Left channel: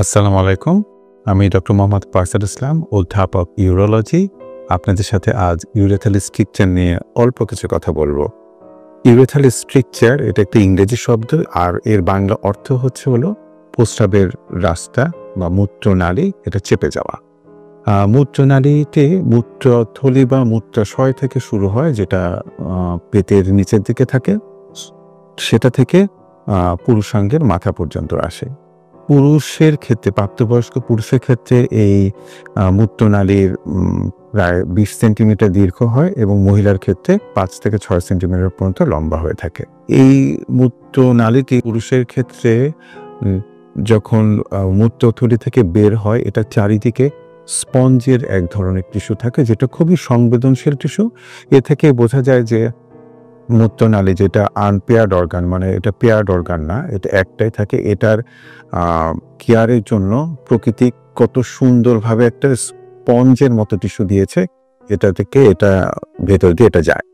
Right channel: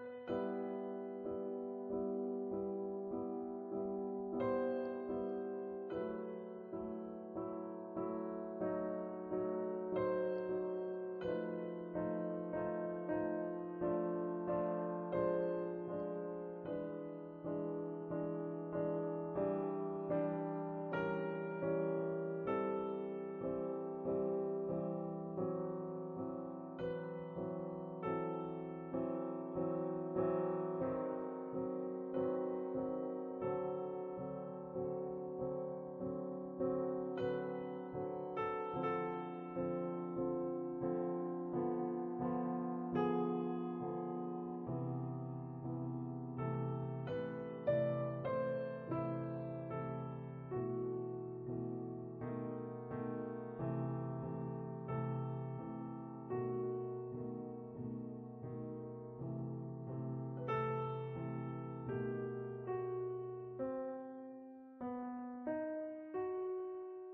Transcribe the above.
আসসালামু আলাইকুম। আমি ডক্টর মোহাম্মদ ফারসাদ ইসলাম, অধ্যাপক ইউরোলজি। আপনাদের সাথে আজ ইউরেথাল স্ট্রিকচার নিয়ে অল্প কিছু কথা বলব। ইউরেথাল স্ট্রিকচার এটা একটা ইংরেজি শব্দ, আর এর বাংলা অর্থ হলো প্রস্রাবের রাস্তা বা মূত্রনালী, এটা চেপে যাওয়া। মূত্রনালীতে মূত্রথলি বা মূত্রাশয় থেকে শুরু হয়, যেটা পেটের নিচের দিকে থাকে। সেটা থেকে পুরুষাঙ্গের মাথা পর্যন্ত আসে। পুরুষের ক্ষেত্রে, প্রাপ্তবয়স্ক পুরুষের ক্ষেত্রে এই মূত্রনালীর প্রায় ২০ সেন্টিমিটার দীর্ঘ হয় এবং মহিলার ক্ষেত্রে ৫ থেকে ৬ সেন্টিমিটার পর্যন্ত লম্বা হয়ে থাকে। এই মূত্রনালীটি পুরুষের ক্ষেত্রে যখন মূত্রথলি থেকে বের হয়, এটা চারিদিকে স্পঞ্জের এক ধরনের টিস্যু থাকে, যেটা খুবই সংবেদনশীল টিস্যু। এ থেকে বোঝা যায় যে মূত্রনালী যেটা আনপেয়ার্ড অর্গান, মানে এটা পেয়ার্ড অর্গান না, এটা একটাই থাকে। এটার কেয়ারের জন্য প্রকৃতি কত সুন্দরভাবে একটা স্পঞ্জের মতো টিস্যু দিয়েছে, এটা থেকে এটা ভেতর দিয়ে এটা যায়।